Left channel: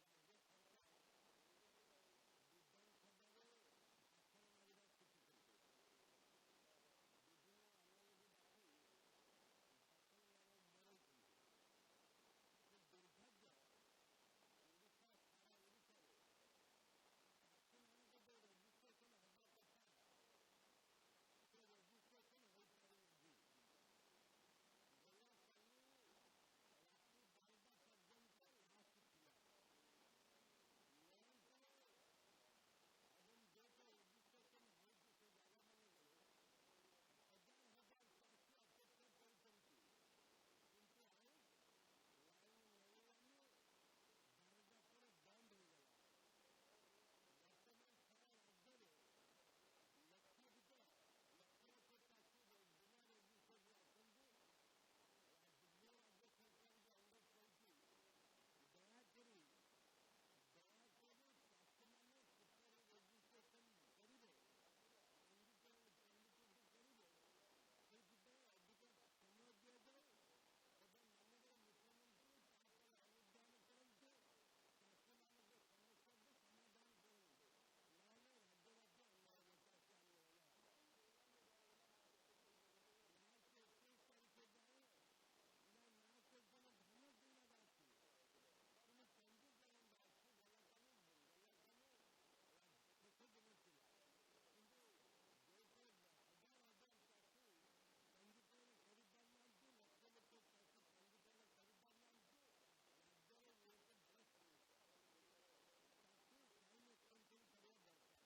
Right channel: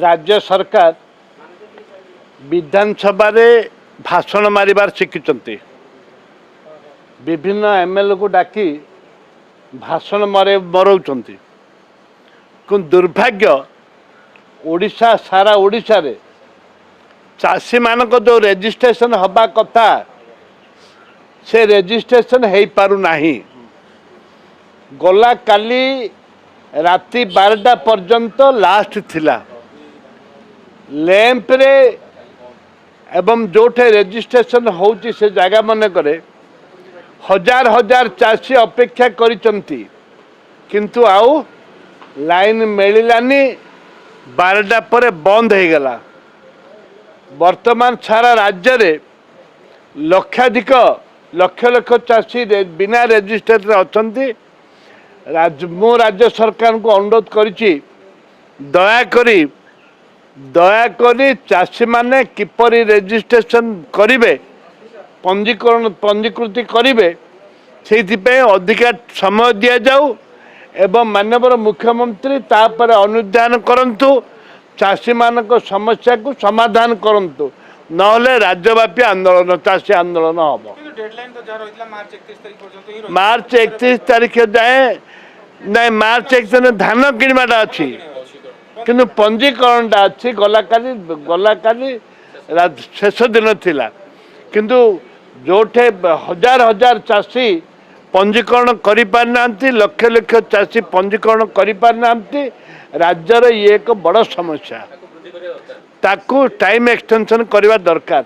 राज्य सरकार विधानसभा रे भाषण मारिबार शिखिचंती विभिन्न एमएलए को डाकी भाषण मरौचंती किंतु दुर्भाग्य ओडिशा सारा ओडिशा रे चाषी मानक जो रेजिस्ट्रेशन हवा कथा से रेजिस्ट्रेशन हो पारु नाही। गला काली राति 12टा पर्यंत लास्ट थिला लैंप रे एवं जोठे रेजिस्ट्रेशन होची से जगह मन करे हजार हजार चाषी अपेक्षा करिचंती किंतु आउ लाइन मिलानी 12टा पर बंद हो गला। वर्तमान सारा राज्य रे लक्षाधिक लक्ष लक्ष चाषी बिना रेजिस्ट्रेशन अछंती। मो राज्य सरकार को अनुरोध करिछि दयाकरी चाषी माने किपरि रेजिस्ट्रेशन करिवे पंजीकृति करिवे से अधिका समय दि जाऊ एवं माननीय मुख्यमंत्री तापर अनुधान करंतु चाषी मानक समस्या को समाधान करंतु नहले राज्यव्यापी आंदोलन चाषी आंदोलन हम मार्च 31 तारीख जाए ना मार्च 31 धान किणवाटा अच्छी किंतु पंजीकरणटा अच्छी गलाकाली शेष दिन थिला किंतु जोठे हजार हजार चाषी पंजीकरण करि पारना लक्ष लक्ष चाषी पंजीकरण करि पारना राज्यर ये एक बड़ समस्या ताकू टाइम एक्सटेंशन करवा दरकार।